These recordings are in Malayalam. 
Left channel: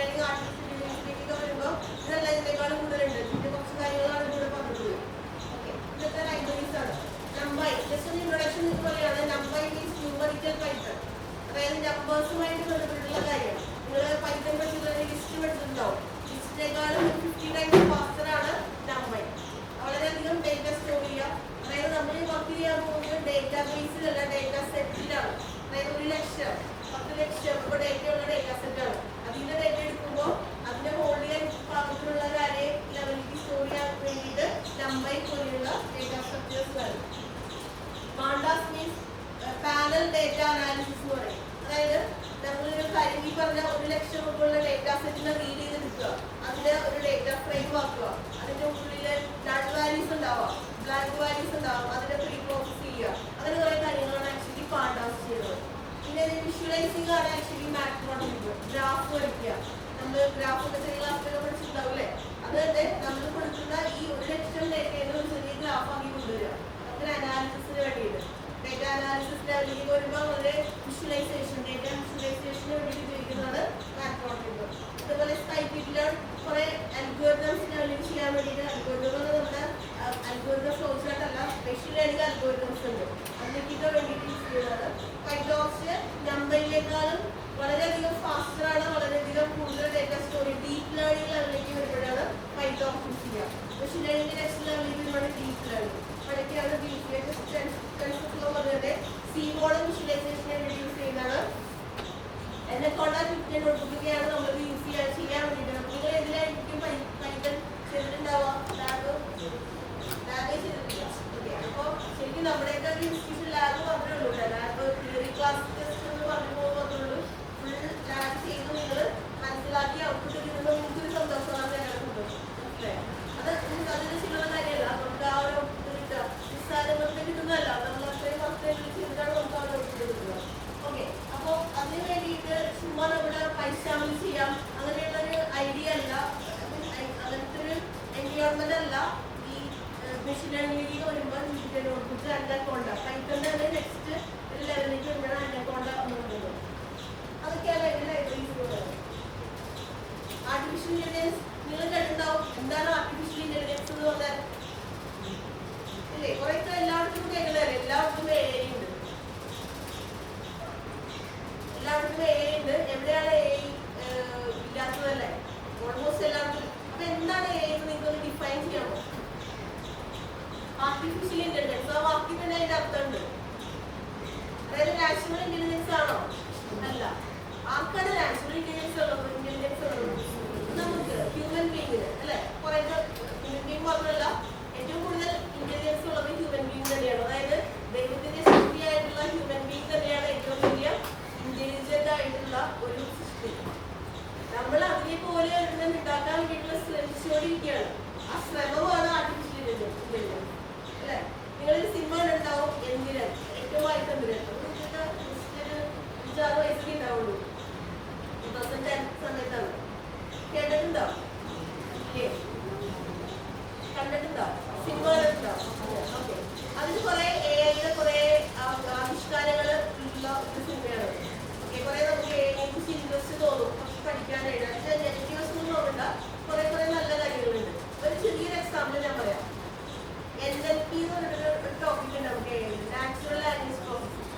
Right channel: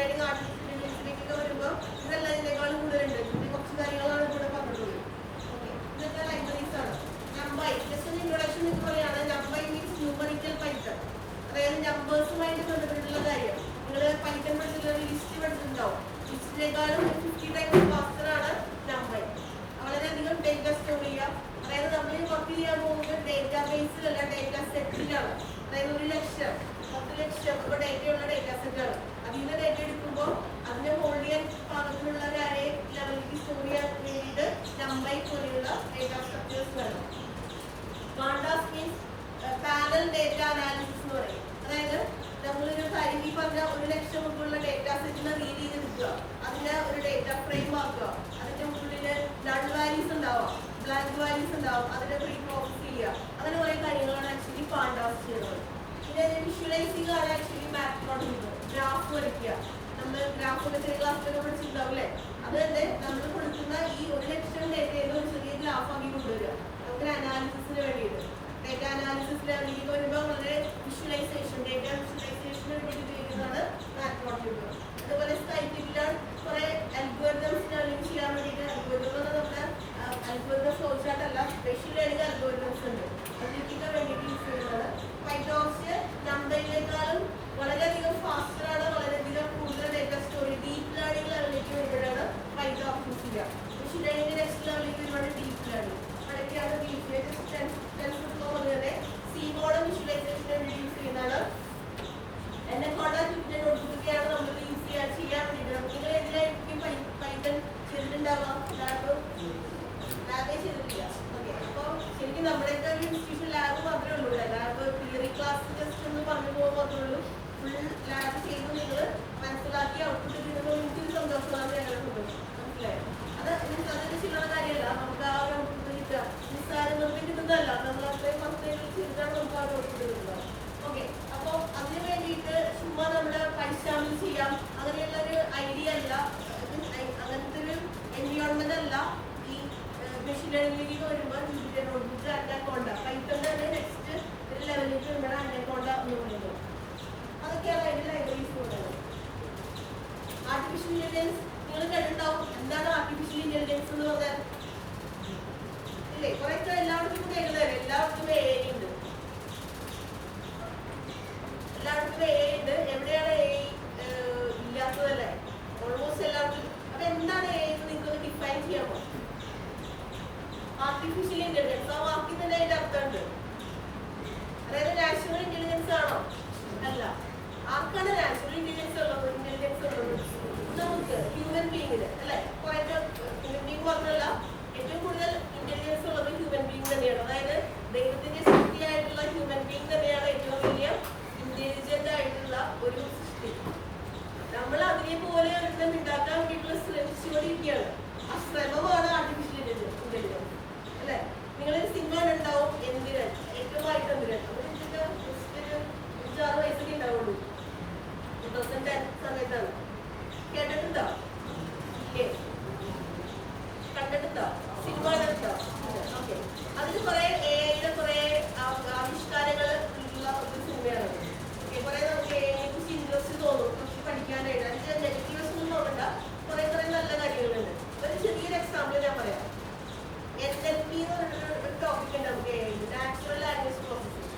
ലേണിംഗ് ആർട്ടിഫിഷ്യൽ ഇന്റലിജൻസിലേക്കൊക്കെ വരുമ്പോൾ ഇതെല്ലാം ഇതിനേക്കാളും കൂടുതലുണ്ട്. ഇതിന്റെ കുറച്ച് കാര്യങ്ങളാണ് ഇവിടെ പറഞ്ഞത്. ഓക്കെ, ഇതൊക്കെ ലൈബ്രറീസ് ആണ്. നമ്പൈ ജസ്റ്റ് ഒരു ഇൻട്രൊഡക്ഷൻ ഇതുപോലെയാണ്. നമ്പൈ മീൻസ് ന്യൂമറിക്കൽ പൈത്തൺ, അതായത് നമ്പേഴ്സുമായിട്ട് ബന്ധപ്പെട്ടിട്ടുള്ള കാര്യം. നിങ്ങൾ പൈത്തൺ പഠിച്ചിട്ടുള്ള ലിസ്റ്റ് പഠിച്ചിട്ടുണ്ടാവും. ലിസ്റ്റിനേക്കാളും 50 ടൈംസ് ഫാസ്റ്റർ ആണ് നമ്പൈ. വളരെയധികം ഡേറ്റ സ്റ്റോർ ചെയ്യുക. അതായത് നമ്മൾ ഈ വർക്ക് ചെയ്യാൻ പോകുന്നത് ഡേറ്റാ ബേസിലല്ല, ഡേറ്റ സെറ്റിലാണ്. അതായത് 1,00,000 10,00,000 ഇപ്പോൾ ഡേറ്റയുള്ള ഡേറ്റാ സെറ്റാണ്. അതിൽ നിന്ന് ഡേറ്റ എടുക്കുമ്പോൾ അതിനെ ഹോൾഡ് ചെയ്യാൻ പാകത്തിലുള്ള ഒരു അരേ ലെവലിലേക്ക് സ്റ്റോർ ചെയ്യാൻ വേണ്ടിയിട്ട് നമ്പൈ പോലെയുള്ള ഡേറ്റാ സ്ട്രക്ചേഴ്സ് വേണം. Pandas means panel data analysis എന്ന് പറയും. അതായത് നമ്മളൊരു കാര്യം ഈ പറഞ്ഞ 1,00,000 മുതലുള്ള ഡേറ്റാ സെറ്റിനെ റീഡ് ചെയ്ത് എടുക്കുക, അതിന് ഒരു ഡേറ്റ ഫ്രെയിം ആക്കുക, അതിന്റെ ഉള്ളിൽ നൾ വാല്യൂസ് ഉണ്ടാവാം, ബ്ലാങ്ക് വാല്യൂസ് ഉണ്ടാവും, അതിനെ പ്രീ പ്രോസസ് ചെയ്യുക. അങ്ങനെ കുറെ കാര്യങ്ങളാണ് ആക്ച്വലി പാണ്ടാസ് ചെയ്യുന്നത്. പിന്നെ വിഷ്വലൈസിംഗ് ആണ് ആക്ച്വലി മാത്മോളജി. ഗ്രാഫ് വരയ്ക്കുക. നമ്മൾ ഗ്രാഫ് ഒക്കെ ചെറിയ ക്ലാസ്സിലൊക്കെ പഠിച്ചിട്ടുണ്ടാവില്ലേ? അത് തന്നെ നമ്മൾ കൊടുക്കുന്ന ഈ 1,00,000 ഡേറ്റയിൽ ഒരു ചെറിയ ഗ്രാഫ് ആക്കി കൊണ്ടുവരിക, അങ്ങനെ അനാലിസിസിന് വേണ്ടിയിട്ട്. ഡേറ്റ അനാലിസിസ് ലെവലിലേക്ക് വരുമ്പോൾ വളരെ വിഷ്വലൈസേഷൻ, ഡേറ്റ വിഷ്വലൈസേഷന് വേണ്ടിയിട്ട് ഉപയോഗിക്കുന്നതാണ് മാത്മോളജി. അതുപോലെ സ്കൈക്കിറ്റിൽ കുറെ അൽഗോരിതംസ് ലെവലിലേക്ക് ചെയ്യാൻ വേണ്ടിയിട്ട്, അൽഗോരിതം നമ്മുടെ അൽഗോരിതം ഫ്ലോ ചാർട്ട് അല്ല, സ്പെഷ്യൽ ലേണിംഗ് അൽഗോരിതംസ് ഉണ്ട്, അതിലേക്കൊക്കെ വേണ്ടിയിട്ട് യൂസ് ചെയ്യുന്നതാണ്. പൈതോൺസ് നമ്പറിനേക്കാളും വളരെയധികം ഫാസ്റ്റർ ആണ്, വളരെയധികം കൂടുതൽ ഡേറ്റ സ്റ്റോർ ചെയ്യും. ഡീപ്പ് ലേണിംഗ് ലെവലിലേക്ക് വരുമ്പോഴാണ് പൈതോൺ യൂസ് ചെയ്യുക. സ്പെഷ്യൽ ലേണിംഗ് നെക്സ്റ്റ് ലെവലിലേക്ക് വരുമ്പോഴാണ് ഡീപ്പ് ലേണിംഗ്. അതൊക്കെയാണ് ഡീപ്പ് പറഞ്ഞത്. സി മോഡൽ വിഷ്വലൈസേഷനെ വേണ്ടി യൂസ് ചെയ്യുന്നതാണ്. എന്നെ കൊണ്ടാണ് നോട്ട്ബുക്കൊക്കെയാണ് നമ്മൾ യൂസ് ചെയ്യാൻ വേണ്ടിയിട്ട്. നിങ്ങൾ ഇതിലായിരിക്കും പൈതൺ ചെയ്തിട്ടുണ്ടാവുക, ലാബേ ചെയ്തിട്ടില്ല. ഓക്കെ, അപ്പോൾ ശരിക്കും നമ്മുടെയൊക്കെ ഇൻസ്റ്റിറ്റ്യൂഷൻ ലാബ് മാത്രമേ ഉള്ളൂ. ലാബ് തിയറി ക്ലാസ് ജസ്റ്റ് ഒന്ന് പറഞ്ഞു പോകുന്നുള്ളൂ. ഫുൾ ലാബ് ചെയ്ത് നിങ്ങൾ മനസ്സിലാക്കി ഔട്ട്പുട്ട് കിട്ടുന്നത് നമുക്കൊരു സന്തോഷമാണ്. ഞങ്ങളുടെ സന്തോഷം മനസ്സിലായോ? അതൊരു ചില്ലറ കാര്യമല്ല. നമുക്ക് ആ ഒരു ഔട്ട്പുട്ട് കിട്ടുക നിസ്സാരം നമുക്ക് കിട്ടുന്നതല്ല. നമ്മൾ അത്രയും വർഷം ചെയ്തിട്ടാണ് നമുക്ക് ആ ഒരു ഔട്ട്പുട്ട് കിട്ടുന്നത്. ഓക്കെ, അപ്പോൾ അതിന് വേണ്ടിയിട്ട് ചുമ്മാ നമ്മുടെ പൈസ ചെയ്യാം അങ്ങനെയുള്ളൊരു ഐഡിയ അല്ല, അങ്ങനത്തെ ഒരു എൻവയോൺമെന്റ് അല്ല. ഈ മെഷീൻ ലേണിംഗിലേക്ക് വരുമ്പോൾ നോട്ട്ബുക്ക് അനക്കോണ്ട പൈത്തണിന്റെ നെക്സ്റ്റ് ഒരു ലെവലിലേക്ക് വരുമ്പോഴാണ് അനക്കോണ്ട എന്ന് പറയുന്നത്. അതൊക്കെയാണ് അതിന്റെ ലൈബ്രറീസ് പറയുന്നത്. ആർട്ടിഫിഷ്യൽ ഇന്റലിജൻസ് നിങ്ങൾ കേട്ടിട്ടുണ്ടാവും. എന്താണ് ആർട്ടിഫിഷ്യൽ ഇന്റലിജൻസ് എന്ന് പറഞ്ഞാൽ? ഇല്ലേ, കുറേയൊക്കെ എല്ലാവർക്കും കേൾക്കുന്നതല്ലേ. എല്ലാവർക്കും AI ഉണ്ട്, എല്ലാവർക്കും AI ഉണ്ട്. എവിടെയാണ് AI ഇല്ലാത്തതല്ലേ? ഓൾമോസ്റ്റ് എല്ലാവർക്കും. അപ്പൊ എന്താണ് AI എന്ന് നിങ്ങൾക്ക് ഡിഫൈൻ ചെയ്യാമോ? ആർട്ടിഫിഷ്യൽ ഇന്റലിജൻസ്, ആ വാക്കിൽ തന്നെ അതിന്റെ അർത്ഥമുണ്ട്. അതായത് നാച്ചുറൽ ഇന്റലിജൻസ് ആണോ? അല്ല. ആർക്കാണ് നാച്ചുറൽ ഇന്റലിജൻസ് ഉള്ളത്? നമുക്ക് ഹ്യൂമൻ ബീങ്ങിന് അല്ലെ. കുറെ ഹ്യൂമൻ ബീങ് മാത്രമല്ല, ഏറ്റവും കൂടുതൽ ഇന്റലിജൻസ് ഉള്ളത് ഹ്യൂമൻ ബീങ് തന്നെയാണ്. അതായത് ദൈവത്തിന്റെ ശക്തിയായിട്ടുള്ള ഹ്യൂമൻ ബീങ് തന്നെയാണ് ഏറ്റവും വലിയ ഇന്റലിജന്റ് ആയിട്ടുള്ള ഒരു സൃഷ്ടി. നമ്മൾ അതിനെ പോലെ ഒരെണ്ണം ഉണ്ടാക്കാൻ വേണ്ടിയിട്ടുള്ള ശ്രമിച്ചുകൊണ്ടിരിക്കുകയാണ്. ആ ശ്രമമാണ് ആർട്ടിഫിഷ്യൽ ഇന്റലിജൻസ് അല്ലെ. നിങ്ങളൊരു സിനിമ ഉണ്ടാവും എന്തിന്, ഏറ്റവും ആയിട്ട് എന്തിന്, ഒരു 6 വയസ്സൊക്കെ ഉണ്ടാവുള്ളൂ. 2010 സമയത്താണ്. കേട്ടിട്ടുണ്ടോ? കണ്ടിട്ടുണ്ടോ? സിനിമ കണ്ടിട്ടുണ്ടോ? ഓക്കെ, അതിന് കുറെ AIയുടെ കുറെ ആവിഷ്കാരങ്ങൾ ഉള്ള ഒരു സിനിമയാണ്. കുറെ നമുക്ക് AIയെ കുറിച്ച് ഇൻട്രസ്റ്റ് തോന്നും, കുറച്ച് പഠിക്കാനായിട്ട്. അതിന്റെ നെഗറ്റീവ്സ് ഒന്നും നോക്കണ്ട, കുറെ നല്ല കാര്യങ്ങളുണ്ട്. ഒരു ചെറിയൊരു എക്സാമ്പിൾ ഞാൻ പറയാം. NLP എന്ന് പറഞ്ഞൊരു ടോപ്പിക് ഉണ്ട് നമുക്ക് AI, നാച്ചുറൽ ലാംഗ്വേജ് പ്രോസസ്സിംഗ്.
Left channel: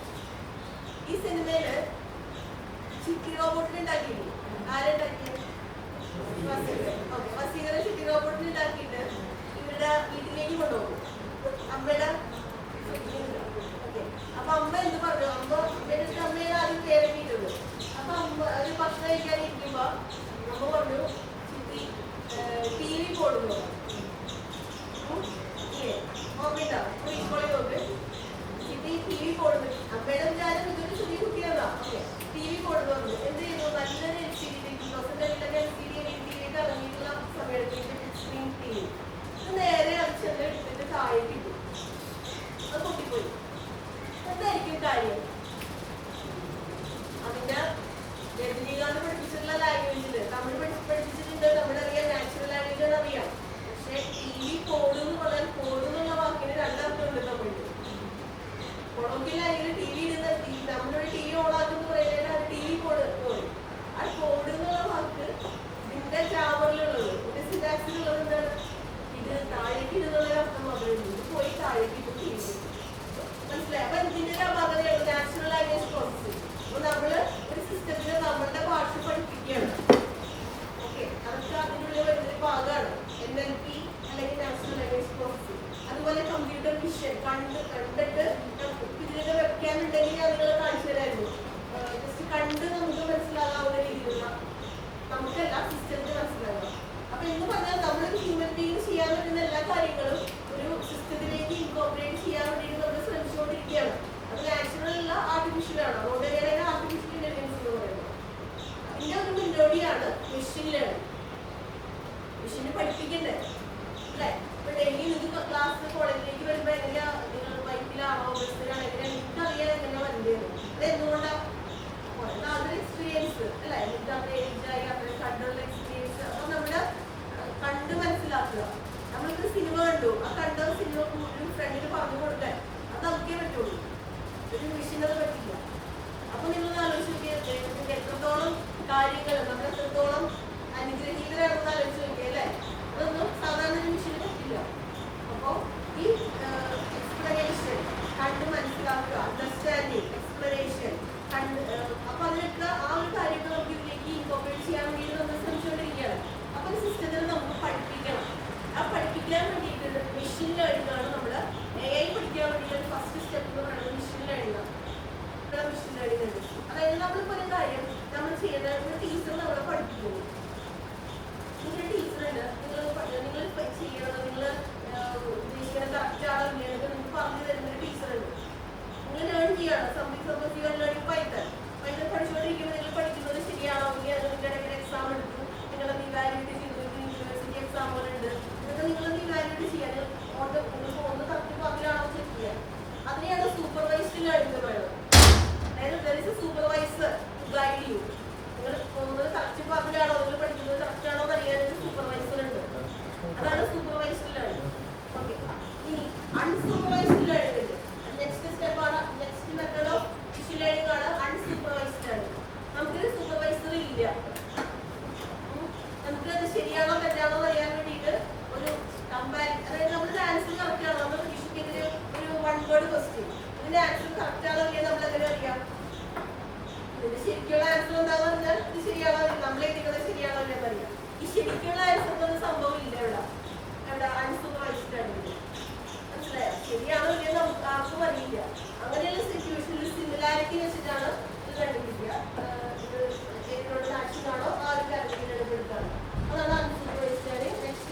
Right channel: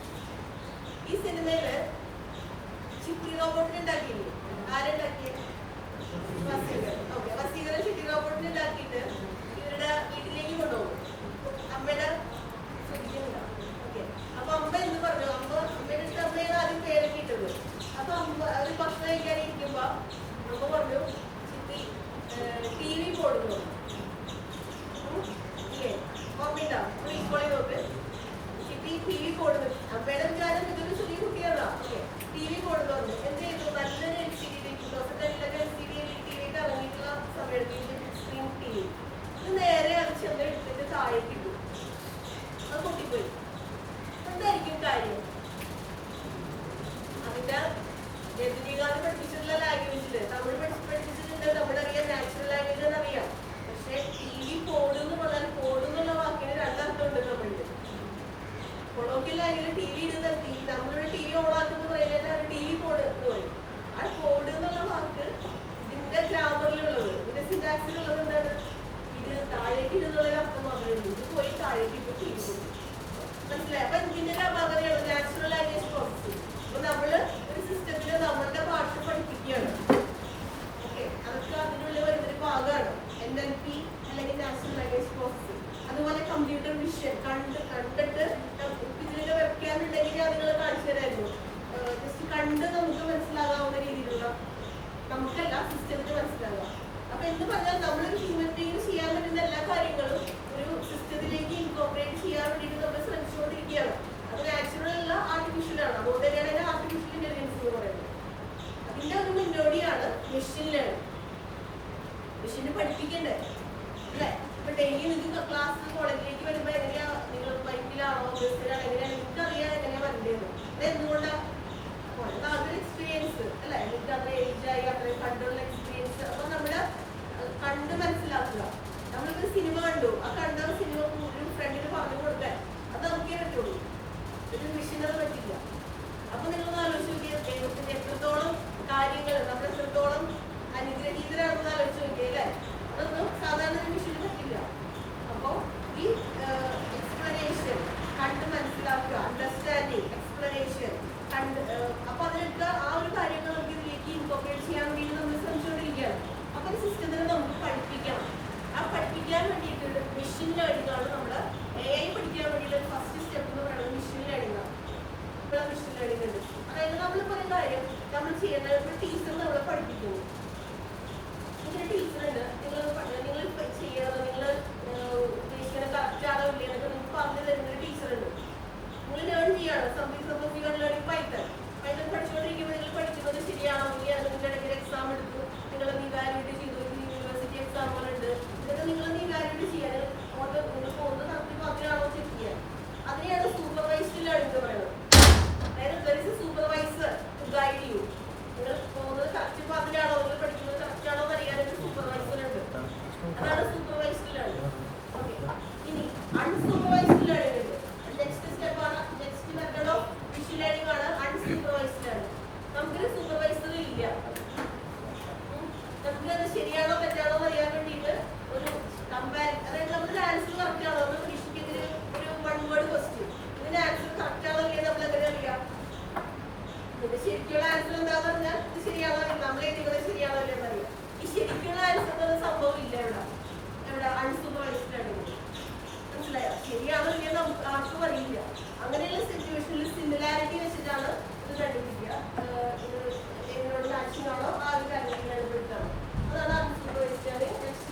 ഈ സിനിമയില് ചിട്ടി റോബോട്ടിനെ ഉണ്ടാക്കിയില്ലേ? ആരുണ്ടാക്കിയത്? വസീകര ചിട്ടി റോബോട്ടിനെ ഉണ്ടാക്കിയിട്ട് ഇവരുടെ വീട്ടിലേക്ക് കൊണ്ടുപോകും. അമ്മയുടെ ശ്രദ്ധിക്കുന്നില്ല. ഓക്കെ, അപ്പൊ അമ്മ എന്ത് പറഞ്ഞു? അമ്മയുടെ അമ്മയിൽ ആദ്യം പേരൊക്കെയിട്ടുണ്ട്. അപ്പൊ അമ്മ അത് ഭക്ഷണം കഴിക്കാനിരിക്കുമ്പോ അമ്മ പറഞ്ഞു, ചിട്ടി TV കൊടുക്കുന്നു. ഓർമ്മയില്ല, ഇപ്പോൾ നോക്ക്. ചിട്ടി TV കൊടുന്നു. അമ്മയുടെ വിചാരം ഇതൊരു ചെറിയ കുട്ടിയല്ല. ഓക്കെ, TV കൊടുന്നു വന്നു. എന്ത് ചെയ്തു? നല്ലൊരു LCD, 2000 LCD ടിവിക്ക് ഇറങ്ങിയിട്ടുള്ള സമയത്ത് സ്ക്രീൻ TV ഇത് നേരെ അടിച്ച് എടുത്തിട്ട് താഴേക്ക് ഇട്ടു. അത് പൊട്ടിപ്പോയി. എന്തായിരിക്കും കാര്യം? അതിന്റെ രജനീകാന്ത് പഠിപ്പിച്ചിട്ടുള്ള ലാംഗ്വേജില് തമിഴ് പഠിപ്പിച്ചിട്ടുണ്ട്. നമ്മളറിയാം, നാച്ചുറൽ ലാംഗ്വേജ് എന്ന് അറിയാം. പക്ഷെ TV പോടുന്ന് പറഞ്ഞാൽ പോടുന്നുള്ള വാക്കിന് രണ്ടർത്ഥമുണ്ട് തമിഴില്. കൊളോക്കിയൽ ലാംഗ്വേജിൽ TV ഇടുന്ന നമ്മളുടെ TV ഓണാക്കുന്ന പറയുന്നതിനാണ് TV പോട് എന്ന് പറയും. ആ പോട് എന്നുള്ള വാക്ക് ഫീൽഡ്. മനസ്സിലായി? അപ്പൊ ഇതിന്റെ ഒരു അപാകതയാണ് നാച്ചുറൽ ലാംഗ്വേജ് പ്രോസസ്സിംഗ്. അപ്പൊ നമ്മള് ഒരു സിസ്റ്റത്തില് നമ്മളുടെ ഭാഷ പഠിപ്പിക്കുകയാണ്. ഓക്കെ, അതൊക്കെ അതിനുള്ളിൽ വരുന്നൊരു ഭാഗമാണ് NLP അല്ലെങ്കിൽ നാച്ചുറൽ ലാംഗ്വേജ് പ്രോസസ്സിംഗ്. അതുപോലെ കമ്പ്യൂട്ടർ വിഷൻ കണ്ടിട്ട് ഇതിനൊക്കെ വെക്കാൻ ഉണ്ടെങ്കിൽ ഞാൻ നിങ്ങളെ കാണിച്ചു തരായിരുന്നു. ജസ്റ്റ് കണ്ട് നമുക്ക് മനസ്സിലാകാവുന്ന രീതിയിലുള്ള, നമുക്കല്ല സിസ്റ്റത്തിന് മനസ്സിലാവുക. അപ്പൊ എന്ന് പറഞ്ഞാൽ നമ്മളൊരു ഹ്യൂമൻ ബീയിങ് ചെയ്യാൻ പറ്റുന്ന എല്ലാ കാര്യങ്ങളും ഒരു സിസ്റ്റത്തിലേക്ക് ഇൻകോർപ്പറേറ്റ് ചെയ്യാൻ വേണ്ടിയിട്ട് നമ്മൾ ശ്രമിച്ചുകൊണ്ടിരിക്കുകയാണ്. അത് നാച്ചുറൽ അല്ല, ആർട്ടിഫിഷ്യൽ ആണ്. അതുകൊണ്ട് തന്നെയാണ് ആർട്ടിഫിഷ്യൽ ഇന്റലിജൻസ് എന്ന് പറയുന്നത്. അതിന്റെ ഒരു മുന്നോടിയാണ് മെഷീൻ ലേണിംഗ്. മെഷീനെ പഠിപ്പിക്കണ്ടേ അല്ലേ? ഇപ്പൊ ഡെയിലി നിങ്ങൾക്ക് ക്ലാസ് കോളേജിലേക്ക് വരുമ്പോൾ എങ്ങനെയാ, നിങ്ങൾ ബൈക്കിലാണോ ബസ്സിലാണോ എങ്ങനെയാണ് എനിക്കറിയാം എങ്ങനെയാ വരേണ്ടത്. അത് എന്തുകൊണ്ടാണ്? അതൊരു എക്സ്പീരിയൻസ് അല്ലെ, എനിക്ക് അത്ര ഏജായി അത്രയും കണ്ടുള്ള എക്സ്പീരിയൻസ്. അപ്പൊ നമ്മള് കണ്ട് മനസ്സിലാക്കുക. നമ്മളിപ്പോ സിനിമ കണ്ടു, ആ കണ്ട സിനിമ ഒരു ഫ്രണ്ടിന് പറഞ്ഞു കൊടുക്കാൻ അത് നമുക്കേ പറ്റുള്ളൂ, ഒരു മെഷീനത് പറ്റില്ല. അപ്പൊ നിങ്ങൾ ആലോചിച്ച് നോക്കിയാൽ ദൈവത്തിന്റെ എത്രത്തോളം കാര്യങ്ങൾ നമ്മൾ എത്രത്തോളം അനുഗ്രഹീതരാണെന്ന് ആലോചിച്ച് നോക്കിയാൽ അല്ലെ, അതൊന്നും സാധാരണ ഒരു മെഷീന് പറ്റില്ല. അപ്പൊ ഈ എക്സ്പ്ലനേഷൻ, കണ്ട് മനസ്സിലാക്കുക, അണ്ടർസ്റ്റാൻഡിങ്, എക്സ്പ്ലനേഷൻ അപ്പൊ അതിനൊക്കെ ആ ഒരു കാര്യങ്ങൾ നമുക്ക് ഇതിലേക്ക് ഇൻകോർപ്പറേറ്റ് ചെയ്യാൻ വേണ്ടിയിട്ട് നമ്മൾ ശ്രമിച്ചുകൊണ്ടിരിക്കുകയാണ്. അപ്പൊ സിസ്റ്റത്തിൽ നമുക്ക് പഠിപ്പിക്കണം. ആ പഠിപ്പിക്കാൻ വേണ്ടിയിട്ട് മെഷീൻ ലേണിംഗ് ആണ്. നമ്മൾ AI പഠിക്കാൻ വേണ്ടിയിട്ട് ഫസ്റ്റ് സ്റ്റെപ്പ് എന്ന് പറയുന്നത് മെഷീൻ ലേണിംഗ് ആണ്. ഇവിടെ മെഷീൻ ലേണിംഗ് ഉണ്ട്. അതായത് നമ്മളിപ്പോൾ ഒരു കാര്യം നമ്മൾ ചെയ്യുന്നത്, ഒരു ടീച്ചർ നമ്മളെ പഠിപ്പിക്കുന്നു. നിങ്ങളുടെ ടീച്ചറുണ്ട്, നിങ്ങൾ ചെയ്യണത്, നിങ്ങൾ ഉദ്ദേശിക്കുന്ന കറക്റ്റ് ആണോ ഇല്ല എന്നൊക്കെ നിങ്ങൾക്ക് പറഞ്ഞു തരുന്നൊരു ടീച്ചറുണ്ട്. നിങ്ങൾ ലേൺ ചെയ്യാണ് സംതിങ് ലേണിംഗ് പൈത്തൺ പഠിച്ചുകൊണ്ടിരിക്കുമ്പോൾ നിങ്ങൾ പഠിക്കുന്നത് ശരിയാണോ ഇല്ല, നിങ്ങളുടെ ഇടയ്ക്ക് എക്സാം എടുത്തു, നിങ്ങളത് ഇവാലുവേറ്റ് ചെയ്തു, യൂണിവേഴ്സിറ്റി എക്സാമുകളുണ്ട്, ഇതൊക്കെ നിങ്ങളത് ഇവാലുവേറ്റ് ചെയ്യാൻ ഒന്ന് കറക്റ്റ് പറഞ്ഞാണോ ചെക്ക് ചെയ്യാൻ. അതിനെയാണ് സൂപ്പർവൈസ്ഡ് ലേണിംഗ് എന്ന് പറയുന്നത്. അതായത് സൂപ്പർവൈസർ ഗൈഡ് ചെയ്യൂ. നിങ്ങൾ പോകുന്നത് കറക്റ്റ് പറഞ്ഞാണോ, നിങ്ങൾ പഠിക്കുന്നത് കറക്റ്റ് ആണോ എന്ന് അറിയാനൊരു സൂപ്പർവൈസർ ഉണ്ട്. അതാണ് സൂപ്പർവൈസ്ഡ് ലേണിംഗ്. ഓക്കെ, ഇനി അൺസൂപ്പർവൈസ്ഡ് ലേണിംഗ് ഉണ്ട്. നെക്സ്റ്റ് സ്റ്റെപ്പാണ്, next method of machine learning ആണ് അൺസൂപ്പർവൈസ്ഡ് ലേണിംഗ്. നമുക്കൊരു സൂപ്പർവൈസർ ഇല്ല, നമുക്കത് ശരിയാണോ തെറ്റാണോ എന്ന് അറിയാൻ വേണ്ടിയിട്ട് ഒരു കമ്പാരിസൺ, അതായത് നമ്മുടെ ആൻസർ കറക്റ്റ് ആണോ എന്ന് പരീക്ഷിക്കുന്നതിന് ഒരു 1 വേർഡ് ക്വസ്റ്റ്യൻ, ഇതിന്റെ ആൻസർ കറക്റ്റ് ആണോ ഇല്ല നമ്മൾ എങ്ങനെ അറിയാം? ഇതിന്റെ ശരിക്കുള്ള ആൻസർ എന്താണെന്ന് പറഞ്ഞാൽ ഇത് ശരിയാണോ, നമ്മൾ എഴുതിക്കുന്നത് ശരിയാണോ ഇല്ല എന്നറിയാം. ഈ ശരിക്കുള്ള ആൻസർ എന്നൊരു സംഭവം ഇല്ല ഇവിടെ അൺസൂപ്പർവൈസ്ഡ് ലേണിംഗ്. മനസ്സിലായോ? ശരിയാണോ ഇല്ലെന്ന് നമുക്ക് ആർക്കും അറിയില്ല. അങ്ങനെയുള്ള സിറ്റുവേഷനിൽ സിമിലാരിറ്റി വെച്ചിട്ടാണ് ഇത് കണ്ടുപിടിക്കുക. ഇത് ഇതിനോട് മാച്ചിങ് ആണോ ആ ഒരു കാര്യത്തിൽ ഇടപെടുത്താണ്. അതാണ് unsupervised learning. Next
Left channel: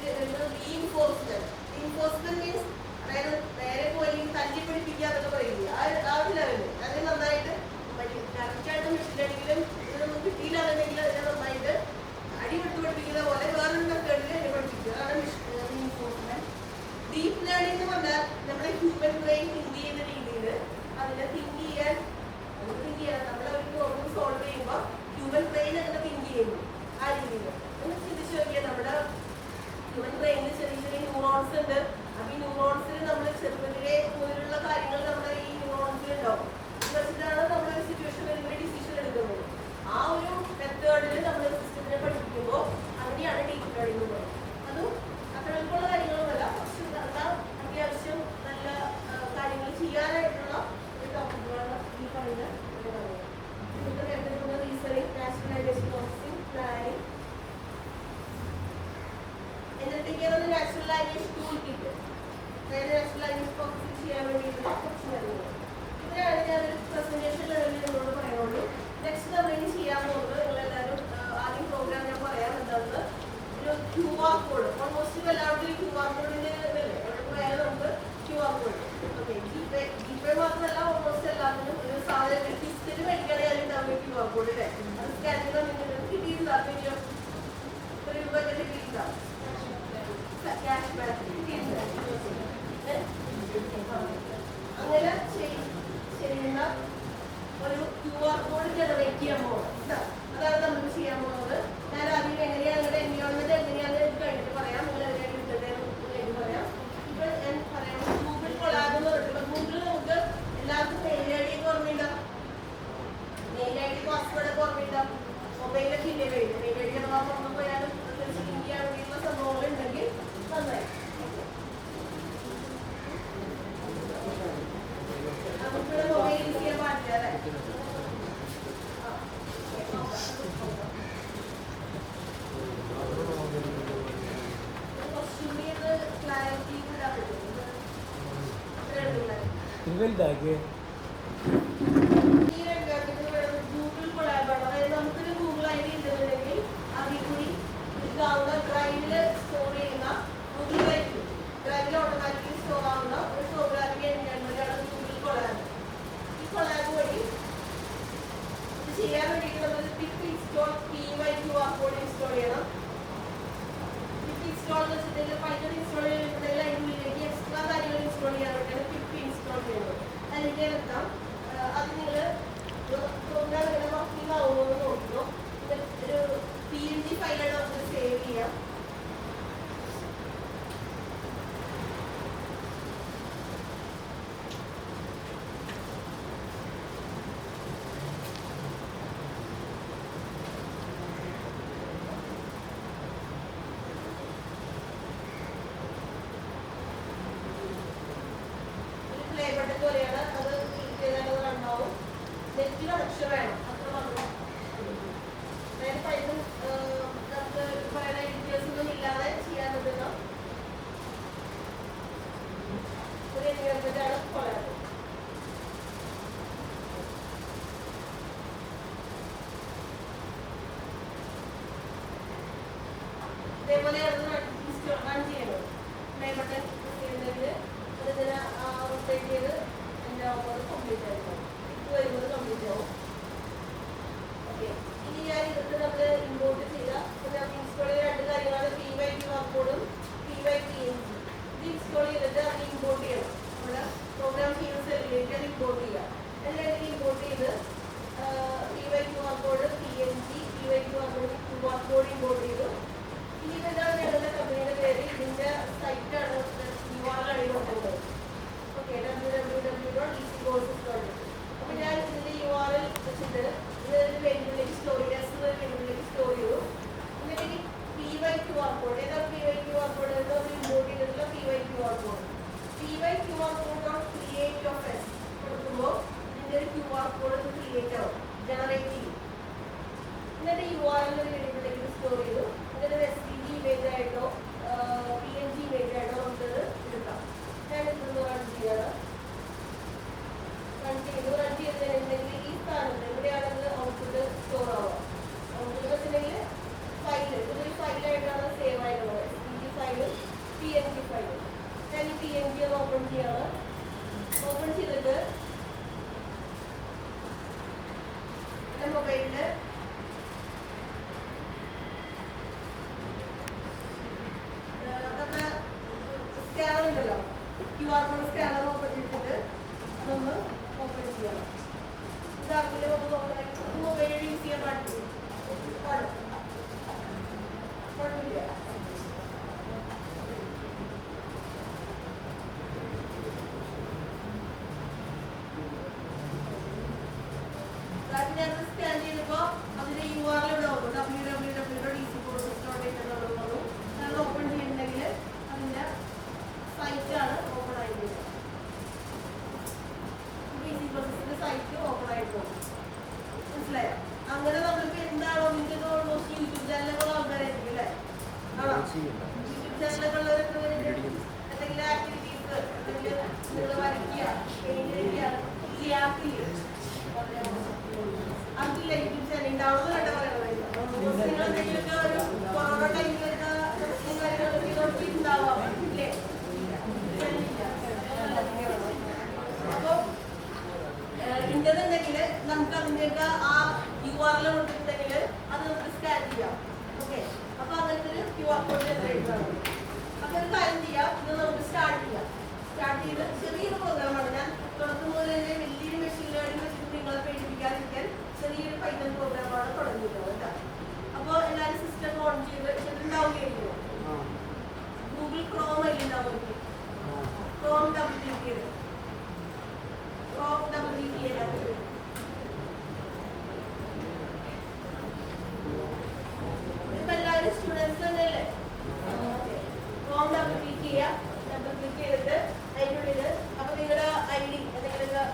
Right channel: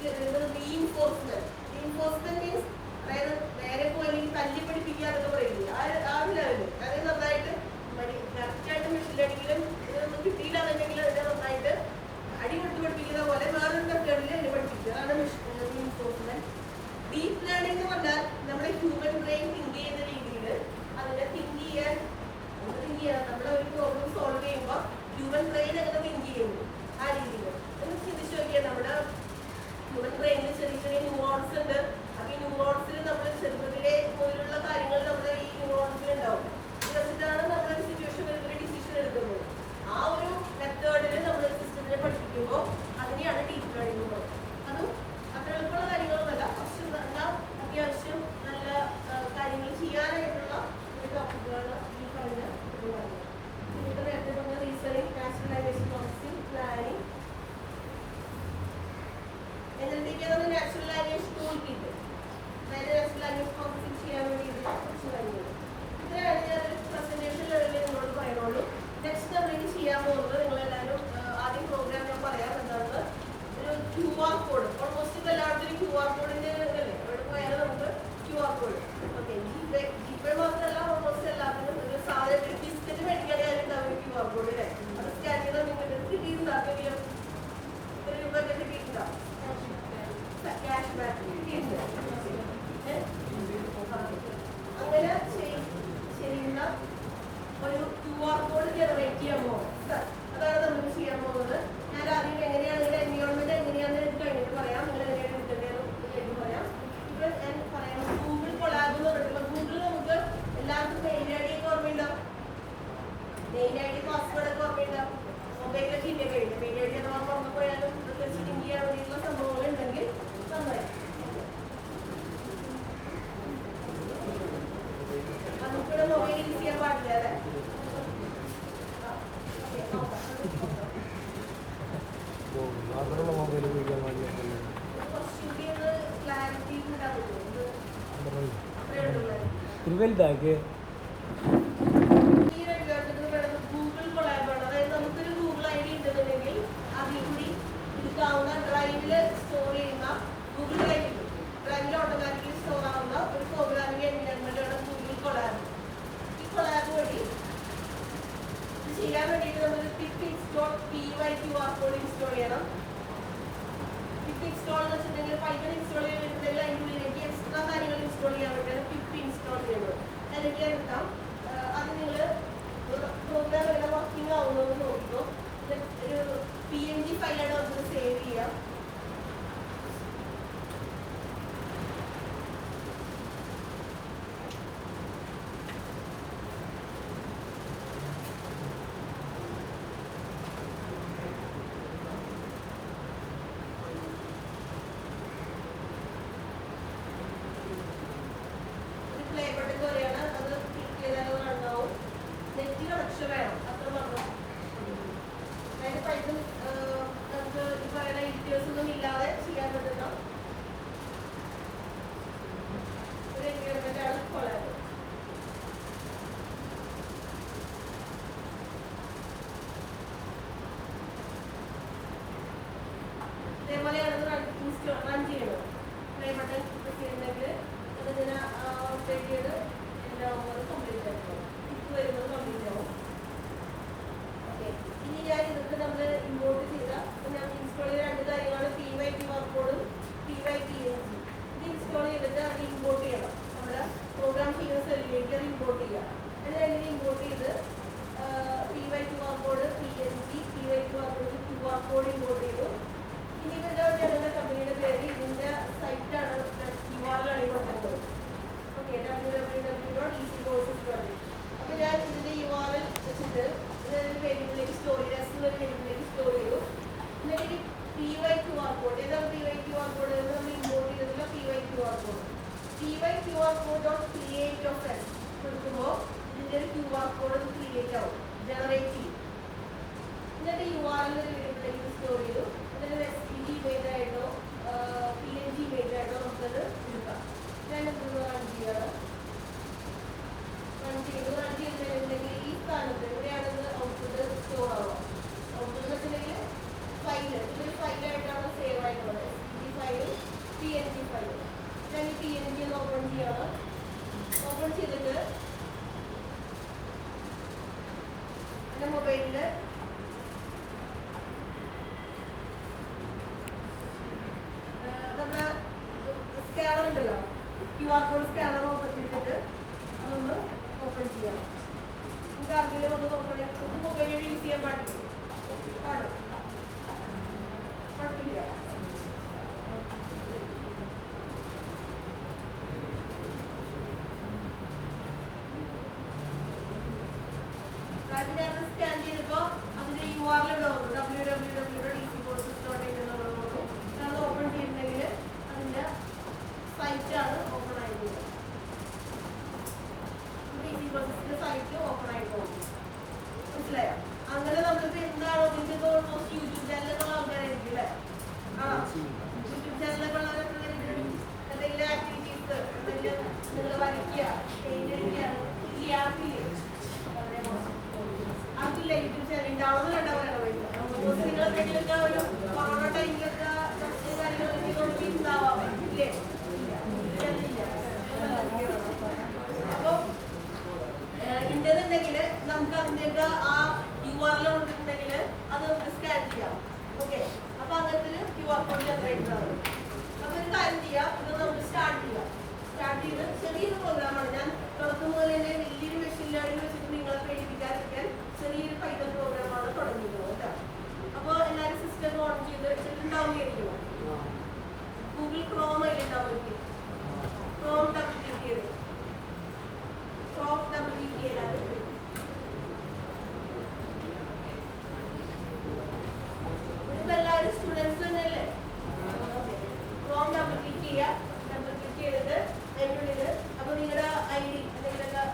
reinforcement. Reinforcement means അതായത് നേരെ പോയി തല്ലി പഠിപ്പിക്കുക എന്നൊക്കെ പറയില്ല, ആ ഒരു ലെവല്. അതായത് നന്നായിട്ട് കറക്റ്റായിട്ട് മെഷീൻ ലേണിംഗിലും ഇതൊന്നും കിട്ടിയില്ല എന്നുണ്ടെങ്കിൽ അതിനെ നന്നായിട്ട് അടിപൊട്ടി പഠിപ്പിക്കുന്ന പോലെ വേറൊരു മെത്തേഡിൽ എന്നെ പഠിപ്പിക്കുക. അതാണ് റീഇൻഫോഴ്സ്മെന്റ്. ഡീപ് ലേണിംഗ് എന്ന് പറഞ്ഞാൽ നമ്മുടെ ഹ്യൂമൻ ബ്രെയിൻ തിങ്ക് ചെയ്യുന്ന രീതിയിൽ അതിനെ തിങ്ക് ചെയ്യാൻ നമ്മൾ ഒരു പ്രോബ്ലം സോൾവ് ചെയ്യുമ്പോൾ ഹ്യൂമൻ ബ്രെയിൻ അങ്ങനെ തിങ്ക് ചെയ്യുന്നു ആ രീതിയിൽ. നമ്മൾ ചിന്തിച്ചു നോക്കിയാൽ നമ്മുടെ ഹ്യൂമൻ ബ്രെയിനിൽ ചെറിയ ചെറിയ ന്യൂറോൺസ് ഉണ്ട്. അപ്പൊ ഈ ന്യൂറോൺസിൽ നമ്മൾ ചെറുപ്പത്തിലെ പോലുള്ള കാര്യങ്ങൾ നമ്മുടെ ഈ ന്യൂറോൺസിൽ ഉണ്ടാവും. ഇത് വെച്ചിട്ടാണ് നമ്മളൊരു സിറ്റുവേഷൻ വരുമ്പോൾ ഡിസിഷൻ എടുക്കുന്നത്. ആ ഒരു മെത്തേഡിൽ നമ്മൾ സിസ്റ്റത്തിനെ പഠിപ്പിക്കുമ്പോൾ അതിനെയാണ് ഡീപ് ലേണിംഗ് എന്ന് പറയുന്നത്. അതും അത്ര എളുപ്പമുള്ള കാര്യങ്ങളൊന്നുമല്ല, പക്ഷെ അത്യാവശ്യം നല്ല കാര്യങ്ങൾ ചെയ്യാനായിട്ടുള്ള ഒരു ടോപ്പിക്കാണ് ഈ പറയുന്നത്. നിങ്ങൾക്ക് നേരത്തെ പറഞ്ഞ reasoning, natural language processing, planning, എന്നിട്ടൊക്കെയാണ് നാച്ചുറൽ ലാംഗ്വേജ് ടൂൾ കിറ്റ്. വേറെ നാച്ചുറൽ ലാംഗ്വേജ് പ്രോസസ്സിംഗ് ചെയ്യാൻ വേണ്ടിയിട്ടുള്ള കുറച്ച് കാര്യങ്ങൾ. ഇതിനാണ് ഞാനൊരു പ്രസന്റേഷൻ ലെവലിൽ നിങ്ങളോട് പറയുന്നുള്ളൂ. നെക്സ്റ്റ് നമ്മൾ ചെയ്യാൻ പോകുന്നത്, നിങ്ങളെല്ലാവരും ആദ്യം പ്രോഗ്രാം ഞാൻ പറയാം എന്താണെന്ന്. ഒരു QR കോഡ്, ഓൾമോസ്റ്റ് ഇപ്പോൾ എല്ലാവർക്കും QR കോഡിന്റെ അല്ലേ, എവിടെ പോയാലും നമുക്ക് QR കോഡ്. ഓക്കെ, ജിപേ മാത്രമല്ല ഓൾമോസ്റ്റ് എല്ലാത്തിനും ഒരു സാധനം ബിസ്ക്കറ്റ് മേടിക്കുകയാണെങ്കിൽ ഉണ്ടാവും QR കോഡ് അല്ലേ. അത് സ്കാൻ ചെയ്താൽ നിങ്ങൾക്ക് കിട്ടിയിട്ടുണ്ടാക്കെങ്കിലും ഒരു രൂപ കിട്ടിയിട്ടില്ല, ക്യാഷ് ബാക്ക് കിട്ടിയിട്ടില്ല. അങ്ങനെ ചെയ്യുന്ന ഒരു QR കോഡ് ജനറേറ്റ് ചെയ്യാൻ പോകുന്നത്, അതാണ് നമ്മൾ ചെയ്യാൻ പോകുന്നത്. ഞാൻ ആദ്യം എങ്ങനെയാണ് നിങ്ങളുടെ എൻവയോൺമെന്റ് എങ്ങനെയാണെന്ന് എനിക്ക് കഴിഞ്ഞിട്ട് പറയാം, നിങ്ങൾ എങ്ങനെയാണ് എടുക്കേണ്ടതെന്ന് പറയാം. ഇപ്പോൾ ഞാൻ പറയാം ഗൂഗിൾ കൊളാബ് എന്ന് പറഞ്ഞിട്ടുള്ള ഗൂഗിളിൽ നമുക്ക് എല്ലാവർക്കും മെയിൽ ഐ ഡി ഒക്കെ ഓർമ്മയുണ്ടാവും, മെയിൽ ഐ ഡി പാസ്വേഡ് ഒക്കെ ഓർമ്മയുണ്ടാവും. മൊബൈലൊക്കെ ഇല്ലേ കഴിഞ്ഞു മെയിൽ ഐ ഡി അഥവാ ഓർമ്മ പോയാലും പ്രത്യേകിച്ച് ലിങ്ക് ചെയ്യാൻ വേണ്ടിയിട്ടുള്ള സംഭവങ്ങൾ ഉണ്ടെങ്കിൽ നന്നായി. മൊബൈൽ യൂസ് ചെയ്യാൻ പാടില്ല അല്ലേ? കുറച്ചുകൂടി ഒന്ന് ക്ലാരിറ്റി ഇടാൻ പറ്റുമോ? അത്രേ ഉള്ളൂ. ഗൂഗിൾ കൊളാബാണ്. അതായത് നമുക്കൊരു ഗൂഗിൾ ഐ ഡി ഉണ്ടെന്നുണ്ടെങ്കിൽ അതിൽ കൂടി ഇതാവുന്ന ഡ്രൈവിൽ സ്റ്റോർ ചെയ്യുന്ന ഗൂഗിൾ ഡ്രൈവിൽ ഓട്ടോമാറ്റിക്കലി സ്റ്റോർ ആവുന്ന ഒരു പ്രോഗ്രാമിംഗ് എൻവയോൺമെന്റാണ് ഗൂഗിൾ കൊളാബ്. ഈ കൊളാബ് വഴി ഇത് ചെയ്യാൻ വേണ്ടിയിട്ട് നമ്മൾ pip install PYQR code install ചെയ്യണം. പിപ്പ് ഇൻസ്റ്റോൾ എന്ന് വെച്ചിട്ടുണ്ടെങ്കിൽ പൈത്തൺ ഇൻസ്റ്റോൾ ചെയ്തിട്ടുണ്ടെങ്കിൽ അതിനുള്ളിലേക്ക് എക്സ്ട്രാ കാര്യങ്ങൾ ഇൻസ്റ്റോൾ ചെയ്യാൻ വേണ്ടിയാണ് പിപ്പ് ഇൻസ്റ്റോൾ ചെയ്യുന്നത്. അതിലേക്ക് എത്താം. അത് നിങ്ങൾ പ്രോഗ്രാം ഇവിടെ വർക്കിംഗ് ആവുമെന്ന് നോക്കുന്നു. ഒരു PNG ഫയലായിട്ട് നമുക്ക് സേവ് ചെയ്യാം. പ്ലേ ബട്ടൺ പോലെയാണ്. അത് ക്ലിക്ക് ചെയ്താൽ ഉണ്ടാവും. നെറ്റ് കണക്ഷൻ വേണം. അത്ര പറഞ്ഞു. അതായത് പൈസ നമുക്ക് പറയുന്ന ഡീറ്റെയിൽസ് ഒന്നും ഇല്ലാതെ ചെയ്യാൻ പറ്റുന്ന ഒരു എൻവയോൺമെന്റാണ് കൊളാബ്. ഇതേപോലെയാണ് റൺ ചെയ്യുന്നത്. പ്ലേ ബട്ടൺ ചെയ്യുന്നെങ്കിൽ ഇതിനെ റൊട്ടേറ്റ് ചെയ്ത് എല്ലാവരും കംപ്ലീറ്റ് ആയിരിക്കും. ഇപ്പോൾ വരുന്നത് കംപ്ലീറ്റ് ആവും. ഓക്കെ, ഇനി ഞാൻ ഇതൊക്കെ നമ്മൾ ഇമ്പോർട്ട് ചെയ്ത നമുക്ക് ഇൻസ്റ്റോൾ ചെയ്ത രണ്ട് കാര്യങ്ങളാണ് PYQR കോഡും PYPNG. ഇത് ഇൻസ്റ്റോൾ ചെയ്തിട്ട് അത് ഇമ്പോർട്ട് ചെയ്യണം. നമ്മുടെ പ്രോഗ്രാം ചെയ്യുന്ന സെല്ലിലേക്ക് അത് ഇമ്പോർട്ട് ചെയ്യുക. അത് രണ്ടിനും ഇമ്പോർട്ട് ചെയ്ത് PYQR code PNG, PYQR code import ചെയ്തു. ഇനി ഇതാണ് ഞങ്ങളുടെ കമ്പനിയുടെ പേര്. ഇതിന്റെ സൈറ്റാണ് URL കൊടുക്കുന്നത്. Okay, www.easycourses.com. അപ്പോൾ ഞാൻ ഇതിന്റെ URL വെച്ചിട്ട് ഇതൊരു വേരിയബിളിലേക്ക് സ്റ്റോർ ചെയ്ത് വേരിയബിളിലേക്ക് സ്റ്റോർ ചെയ്തു. എന്നിട്ട് ഈ PYQR കോഡ്, ഏതാണ് PYQR കോഡ് എന്ന് നമ്മൾ ഇമ്പോർട്ട് ചെയ്തിട്ടുള്ള PYQR code. PYQR code create of friends കൊടുക്കുമ്പോൾ ഇതിന്റെ ഒരു QR കോഡ് ക്രിയേറ്റ് ആവും, ജനറേറ്റ് ചെയ്യും. എന്നിട്ട് URL ഒരു വേരിയബിളിലേക്ക് സ്റ്റോർ ചെയ്തു. എന്നിട്ട് SVG ഇമേജ് ആയിട്ടോ PNG ഇമേജ് ആയിട്ടോ നമുക്കത് എടുക്കാം. ഞാനിതൊന്ന് റൺ ചെയ്യാണ്. റൺ ചെയ്തിട്ടുണ്ടെങ്കിൽ ഈ സ്ഥാനത്ത് ഇവിടെയാണെങ്കിൽ ഔട്ട്പുട്ട് സ്റ്റോർ ആവുക. ഔട്ട്പുട്ട് വെച്ചിട്ടുണ്ടെങ്കിൽ ഫയല് ഇതൊരു ഫയലായിട്ടാണ് സേവ് ആയിട്ടുള്ളത്. SVG ഫയലും PNG ഫയലും. ഞാൻ ഈ PNG ഒന്ന് ഓപ്പൺ ചെയ്യാണ്. ഓപ്പൺ ചെയ്തിട്ട് എൻ്റെ മൊബൈലിൽ നമ്മുടെ സ്കാനർ ഉണ്ടല്ലോ, QR കോഡ് സ്കാനർ ഓപ്പൺ ചെയ്തിട്ട് അതൊന്ന് ഓപ്പൺ ചെയ്യണം. ഇത് അതിൽ ഒന്ന് ഓപ്പൺ ചെയ്തിട്ട് മൊബൈൽ യൂസ് ചെയ്യാൻ പാടില്ല. സ്കാൻ ചെയ്തപ്പോൾ അതിന്റെ URL ഇവിടെ വന്നു, www.easycourses.com എന്നുള്ളത് വന്നു. അത് ഓപ്പൺ ചെയ്യുന്നുണ്ടെങ്കിൽ അതിന്റെ സൈറ്റാണ് ഓപ്പൺ ആയിട്ടുള്ളത്. ഈസി കോഴ്സസിന്റെ സൈറ്റ് ഓപ്പൺ ആയിട്ട് പോകും. മനസ്സിലായോ? അങ്ങനെ നമ്മളിപ്പോ എന്താണോ നിങ്ങൾക്ക് ഓൾമോസ്റ്റ് യൂട്യൂബ് ചാനലുകളുള്ള ആൾക്കാരായിരിക്കും അല്ലേ? ആണോ? യൂട്യൂബ് ചാനലൊക്കെ ഉള്ളവരൊക്കെ എന്തെങ്കിലും ആക്ടിവിറ്റീസ്, എന്തെങ്കിലും നിങ്ങൾ വരയ്ക്കുക, പെയിന്റ് അടിക്കുക, ഈ ആർക്കില്ല യൂട്യൂബ് ചാനൽ ഡൗൺലോഡ് ആയിട്ടാ പറയണത്. നിങ്ങൾ എന്തെങ്കിലുമൊക്കെ ഒരു കൊറോണ ടൈമിലൊക്കെ പ്രശ്നം കാര്യങ്ങളൊക്കെ കുഴപ്പമുണ്ടാവാം ഇല്ലേ? അപ്പോൾ ഉണ്ടെന്നുണ്ടെങ്കിൽ നമുക്ക് അതിൻ്റെയൊക്കെ ആ URL കൊടുത്തിട്ടുണ്ടെങ്കിൽ അത് നമുക്ക് സ്കാൻ ചെയ്യാം. ഓക്കെ, അപ്പൊ അങ്ങനത്തെ ഒരു QR കോഡ് ജനറേറ്റർ ആണ്. അപ്പൊ ഒരു കാര്യം ചെയ്യാം, ഇത് നമുക്ക് സ്റ്റാർട്ട് ചെയ്യാം. സ്റ്റാർട്ട് ചെയ്ത് ചെറിയൊരു പ്രോഗ്രാമാണ്. ഞാൻ തുടക്കം മുതൽ തന്നെ വലിയൊരു മെഷീൻ ലേണിംഗ് വെച്ചിട്ട് നിങ്ങളെ പേടിപ്പിക്കാതിരിക്കാൻ ചെറിയൊരു പൈത്തൺ പ്രോഗ്രാമാണ് തുടങ്ങിയിട്ടുള്ളത് കേട്ടോ. അപ്പോൾ എല്ലാവരും സിസ്റ്റം ഓൺ ചെയ്ത് ഉണ്ടാവുകയായിരിക്കുമോ? ഗൂഗിൾ ക്രോം അതിലുണ്ടാവും. ക്രോം ഡബിൾ ക്ലിക്ക് ചെയ്ത് ചെയ്താൽ ഇതിപ്പോൾ എല്ലാവരും സ്റ്റുഡൻസ് തന്നെയല്ലേ? ക്രോം ഡബിൾ ക്ലിക്ക് ചെയ്യുക. ഡബിൾ ക്ലിക്ക് ചെയ്തിട്ട് അതിനുള്ളിൽ അപ്പോൾ നിങ്ങളുടെ ID എന്തെങ്കിലുമൊക്കെ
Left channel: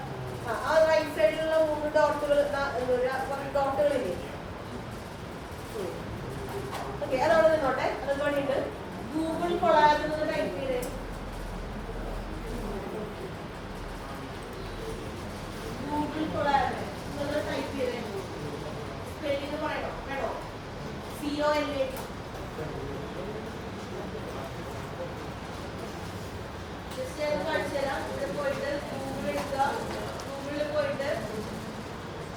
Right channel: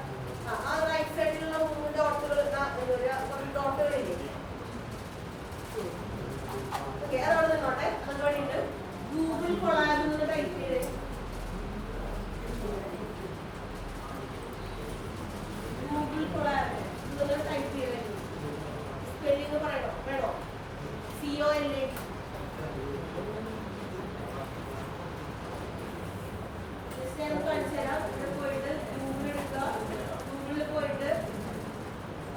ഗൂഗിൾ കൊളാബ് എന്ന് ടൈപ്പ് ചെയ്ത് ഗൂഗിൾ കൊളാബ് നിങ്ങൾ ടൈപ്പ് ചെയ്ത് സ്പെല്ലിംഗ് പറയണോ വേണോ COLAB ജസ്റ്റ് ഞാൻ കാണിച്ചു തരാം ഇവിടെ പോയിട്ട് ഗൂഗിൾ എടുക്കുക ഗൂഗിളിൽ പോയിട്ട്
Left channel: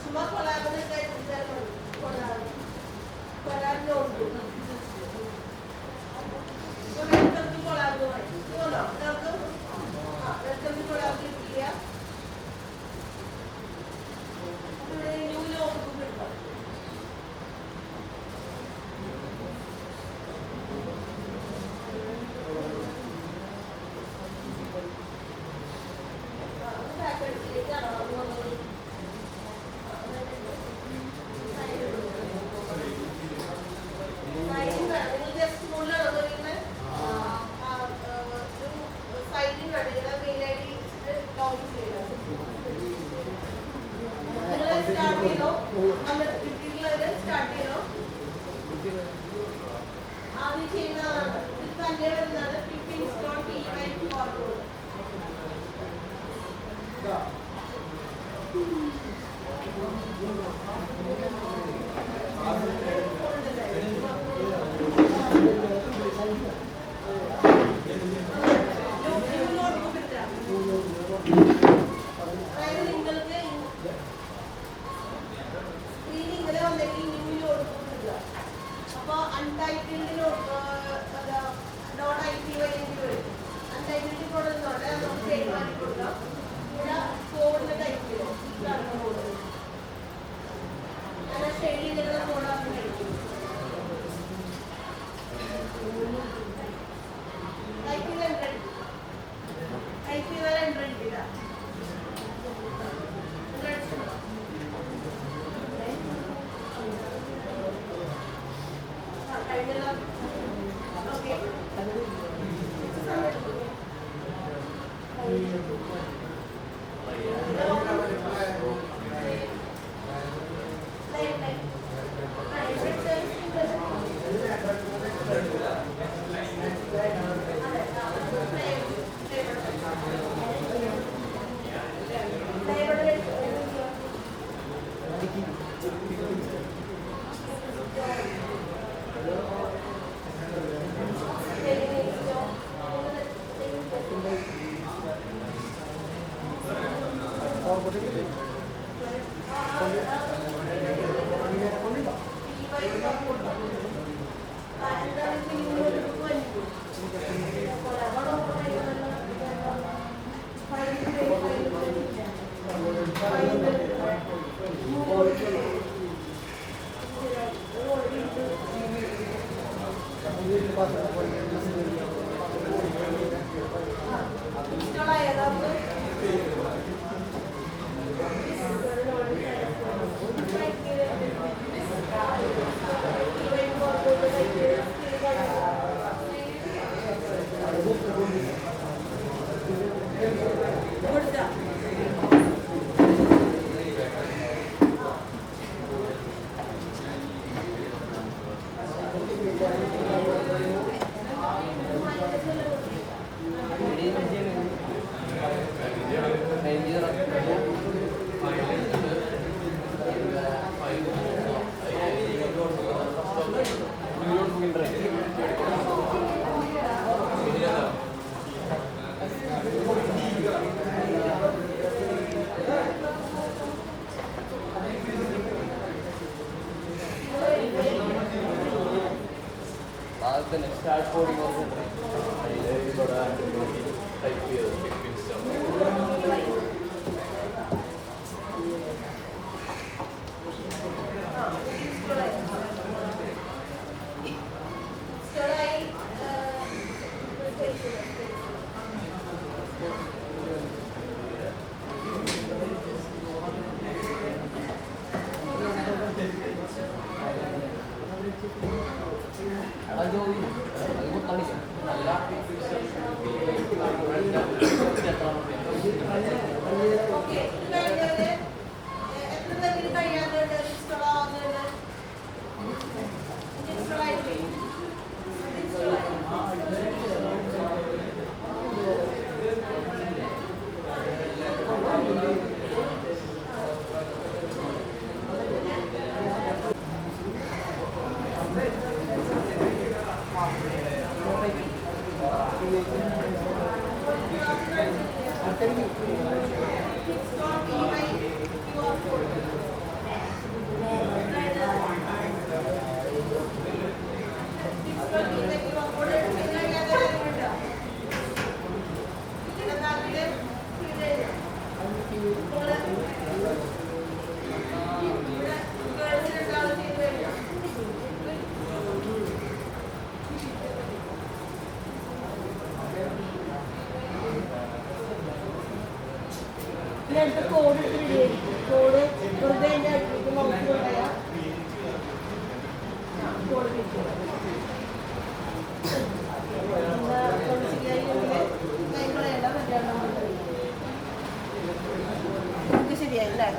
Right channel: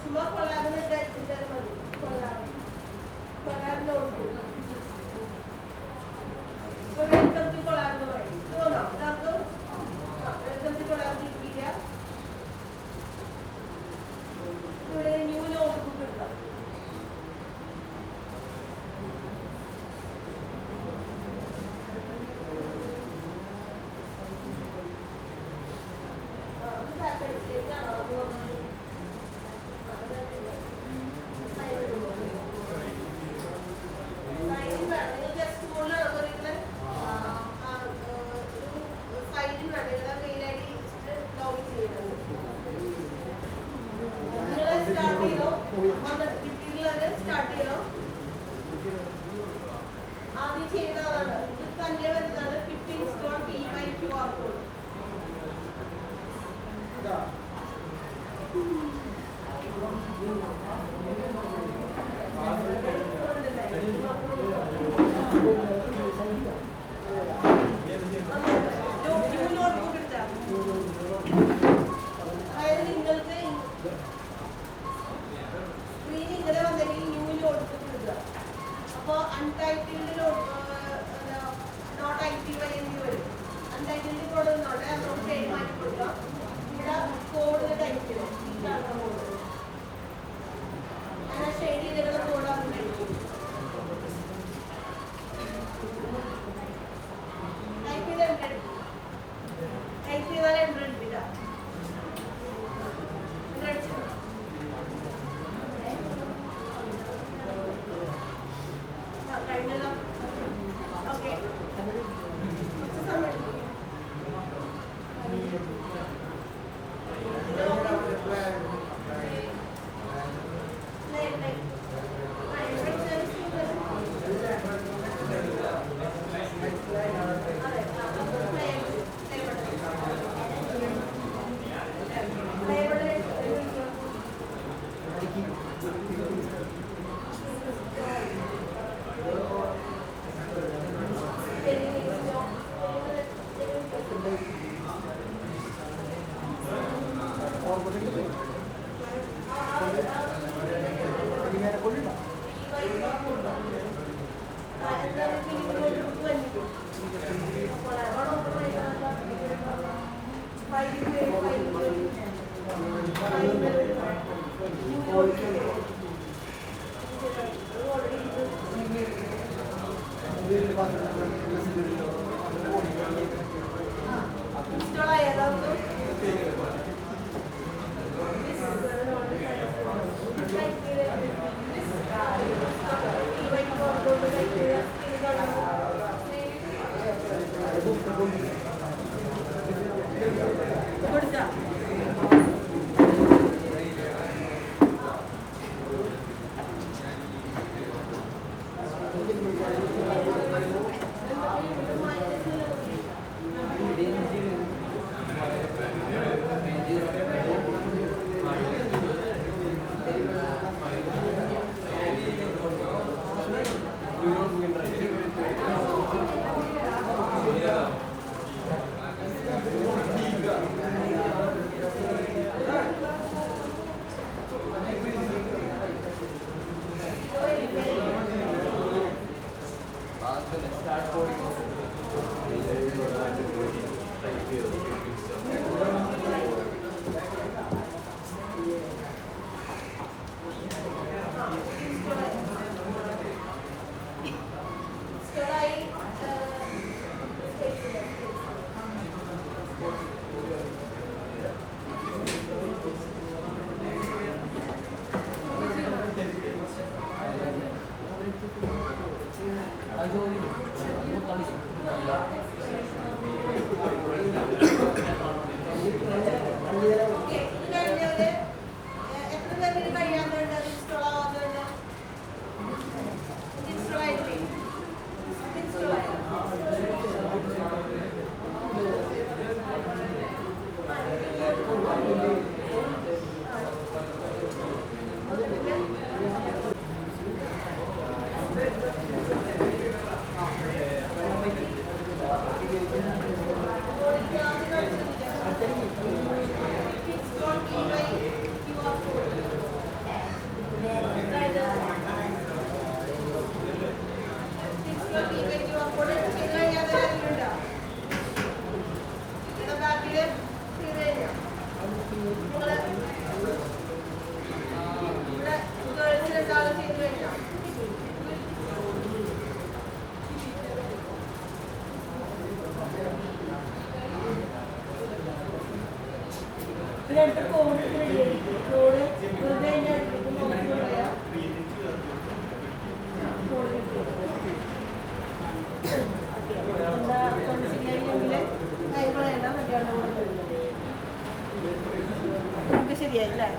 ചുമ്മാ കൊളാബ് കൊളാബ് കൊളാബ് നോക്കും വെൽക്കം ടു കൊളാബ് എന്ന് പറയും നമുക്ക് വെൽക്കം ടു കൊളാബ് ക്ലിക്ക് ചെയ്യുക ഇവിടെ ന്യൂ നോട്ട് ബുക്ക് എടുക്കാം ആദ്യം ചെയ്യുന്ന ആളാണ് ഇത് തന്നെ വരുന്നതാണ് QR കോഡ് അതായത് നിങ്ങൾക്ക് സ്ക്രീൻ ഇങ്ങനെ വന്നെങ്കിൽ ന്യൂ നോട്ട് ബുക്ക് എടുക്കുക അപ്പോൾ അൺടൈറ്റിൽഡ് നോട്ട് ആക്റ്റീവ് ആയിട്ട് വരും അൺടൈറ്റിൽഡ് കൊടുക്കുന്നോണ്ട് നമുക്ക് മാറ്റി കൊടുക്കാം ഇവിടെ കോഡിൽ ടൈപ്പ് ചെയ്യും ഇതാണ് കോഡ് ഞാൻ ആ ഷെയ്ഡ് ചെയ്തിരുന്ന കോഡാണ് മേടിക്കും ടൈപ്പ് ചെയ്താൽ എൻ്റർ ഇട്ടില്ല ഓക്കെ ഇങ്ങനത്തെ കോഡ് കോഡ് വെറുതെ അതിൻ്റെ അടുത്തേക്ക് നോക്കിക്കൊണ്ടായ കോഡ് കിട്ടും. എന്താ കൈകളേണ്ട നമുക്ക് ശരിയായില്ലേ?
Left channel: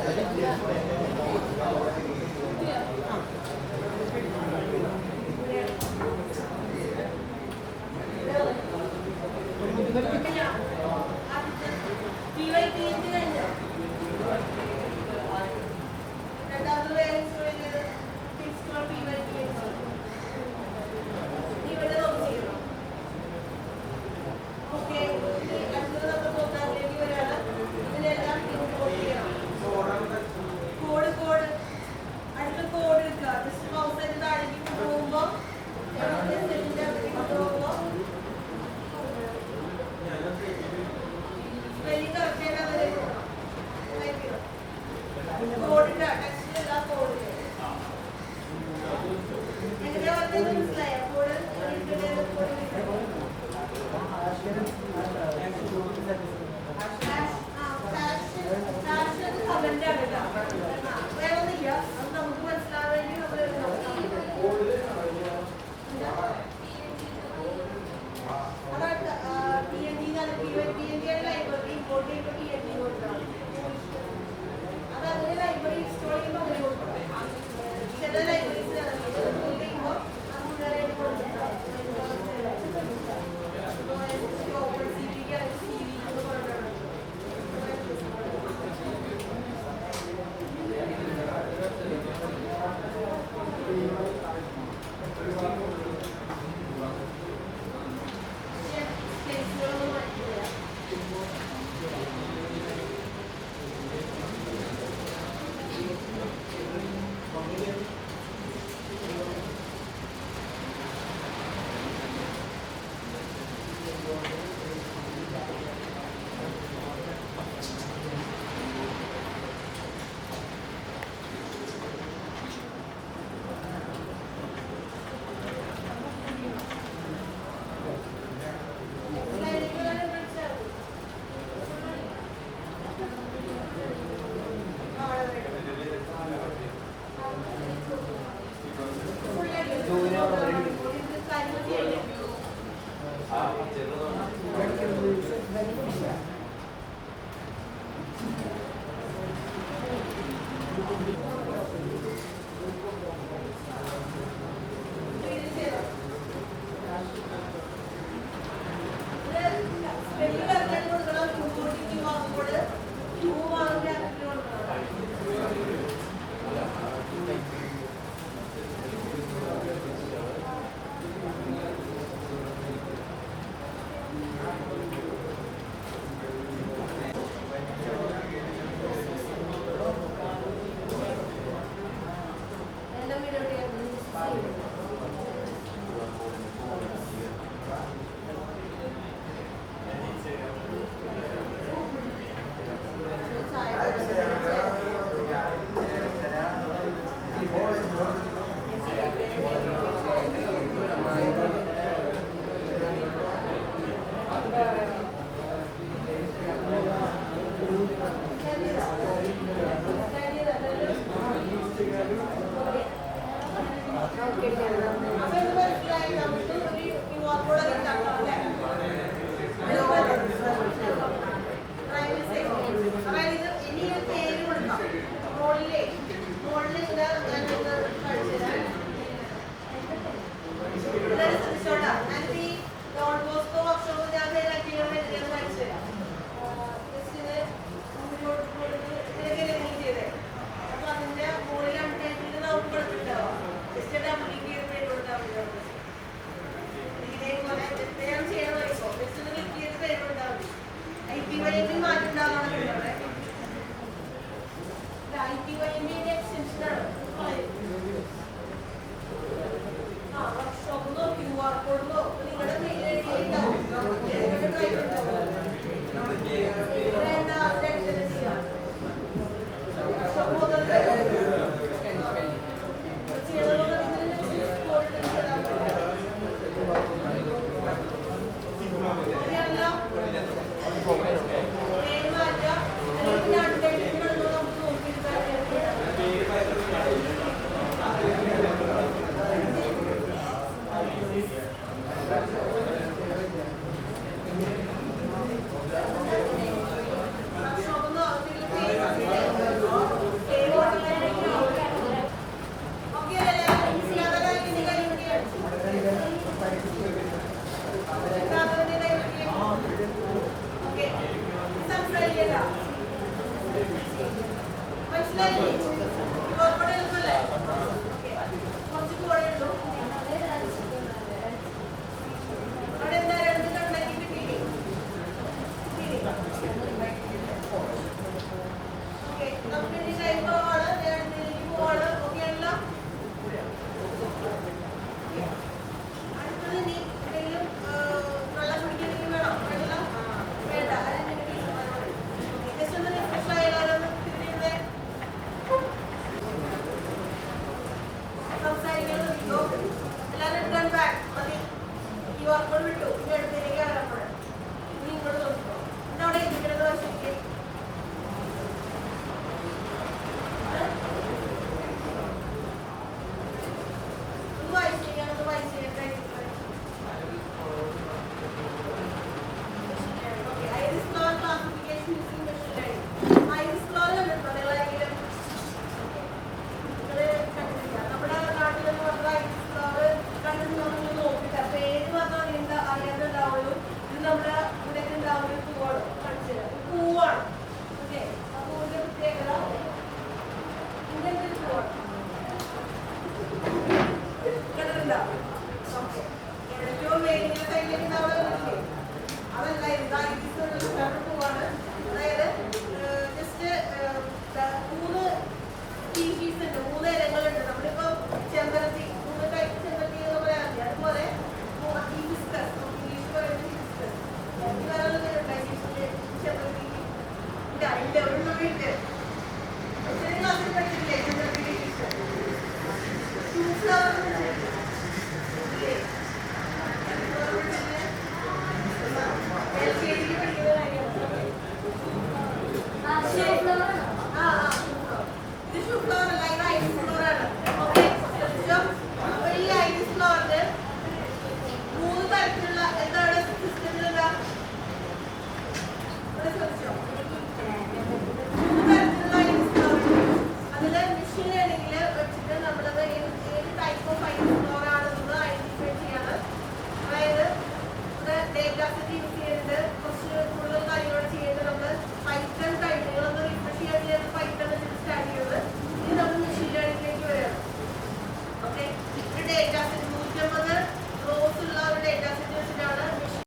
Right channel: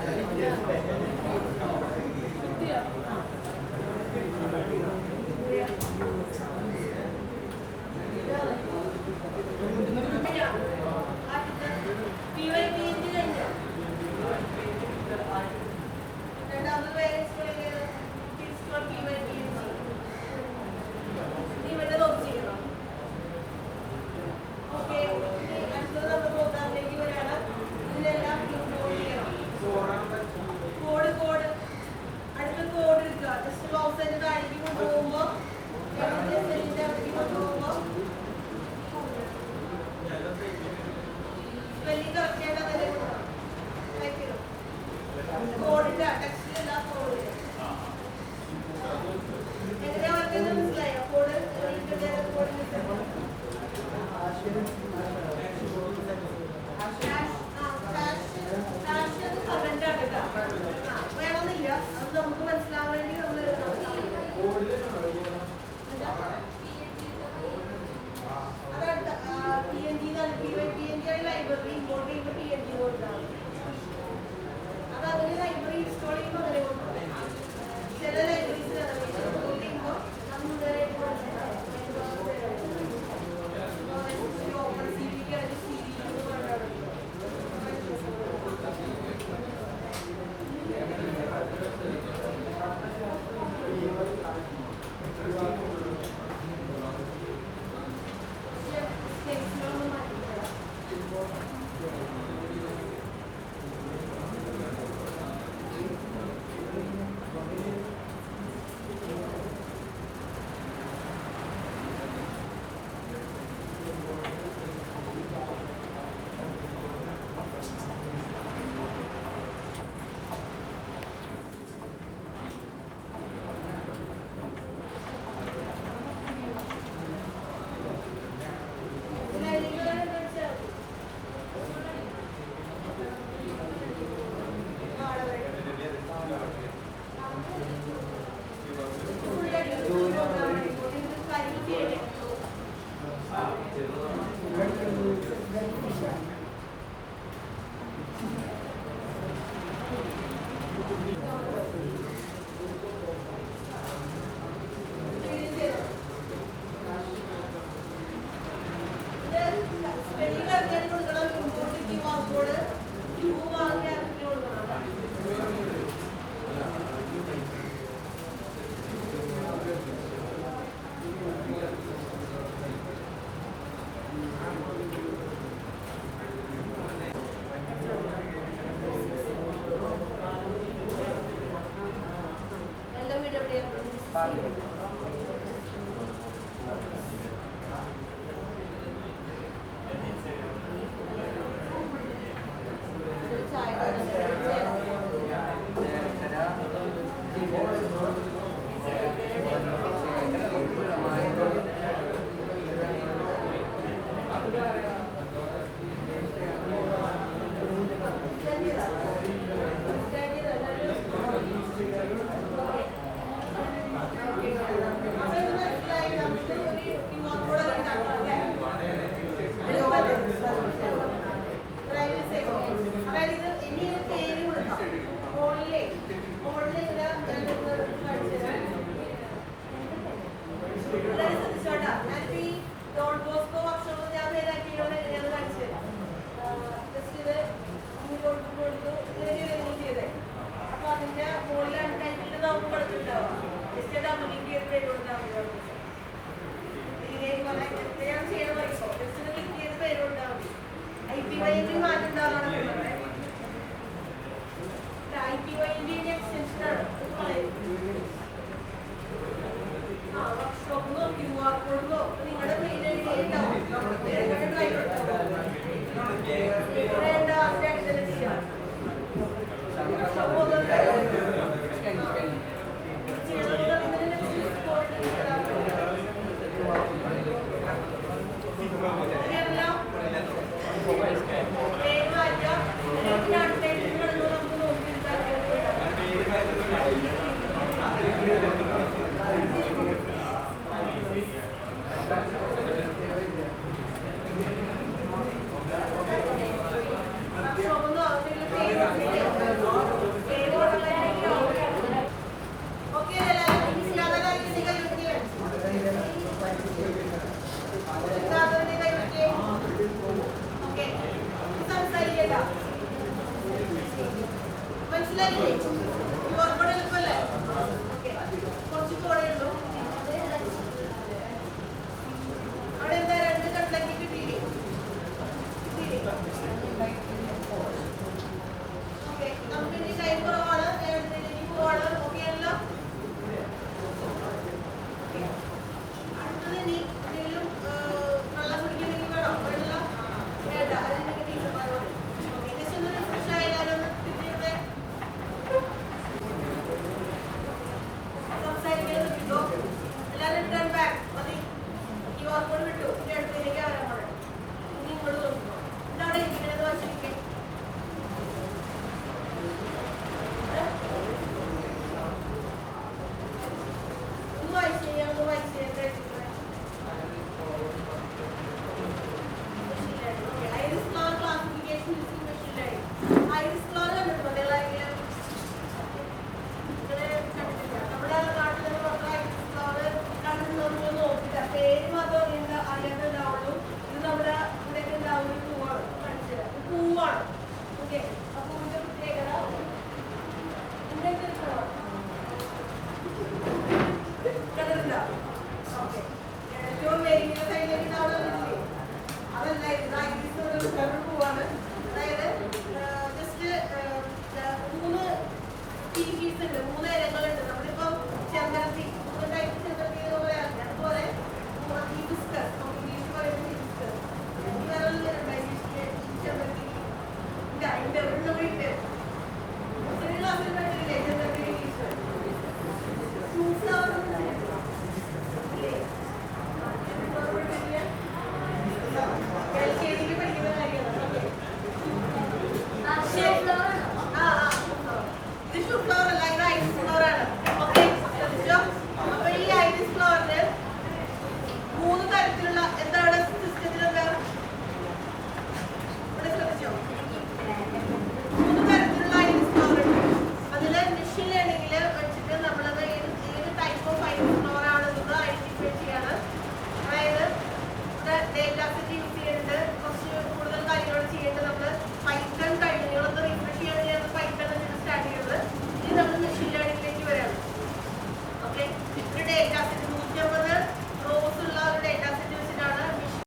Thank you. മനസ്സിലായില്ലേ? ഓർമ്മ എളുപ്പല്ലേ? ഓക്കെ, കുറച്ച് കൂടെ ഉള്ളൂ. അവിടെ എന്താ രണ്ട് കണ്ണാക്കി കിട്ടിയില്ലേ? ഓക്കെ, നമുക്ക് ഇനി ടൈം കുറവാണ്, നേരത്തേക്ക് പോവാണ്. ഓക്കെ ആണല്ലോ? അടുത്തത് ഇനി എന്തെങ്കിലും വെള്ളം കുടിക്കണമെങ്കിൽ വേണോ? വെള്ളം വേണ്ട, അതിന്റെ ടീച്ചർമാർ പറയും. ഓക്കെ, ജസ്റ്റ് ഒന്ന് റിഫ്രഷ് ആയാലും തിരിഞ്ഞിരുന്നേ. സംസാരിക്കുന്നത് കിട്ടോ? എല്ലാവരും റിട്ടേൺ ബാക്ക് മതി. ഈ ഓർമ്മകൾ വിട്ടു, ഇനി അടുത്തേക്ക് വരാൻ പറയാം. ഇനി ഇങ്ങോട്ട് നോക്കിക്കോ. എന്താ അവിടെ ഇരിക്കുന്നത് ശരിക്കും? ഒന്ന് വായിച്ചു ചെയ്യാം, ഒന്ന് വായിച്ചു ചെയ്യട്ടെ. Iris flower classification using machine learning. Iris flower കണ്ടിട്ടുണ്ടോ നിങ്ങളാരെങ്കിലും? നിങ്ങള് കണ്ടിട്ടില്ല? നമ്മുടെ നാട്ടിലൊരു മാത്രം iris flower കണ്ടിട്ടുണ്ടോ നിങ്ങൾ നോക്കിയിട്ട് പേര് മാത്രം അറിയാണ്ടുണ്ടാവുള്ളൂ. ഇത് നമ്മുടെ ഇവിടെയൊക്കെ ഉണ്ടാവുന്ന ഒരു പൂവാണ്. കാണിച്ചു തരാം. പൂവാണ്. ഓക്കെ, ആ പൂവിന്റെ പ്രത്യേകത ഇങ്ങനത്തെ ഒരു പൂവാണ്. കണ്ടിട്ടുണ്ടോ? ഓക്കെ, ഏറ്റവും വേഗം സൈഡിലേക്ക് നമ്മൾ കണ്ടിട്ടില്ലേ? അതല്ല, ഇത് ഐരിസ് ഒരു പൂവാണ്.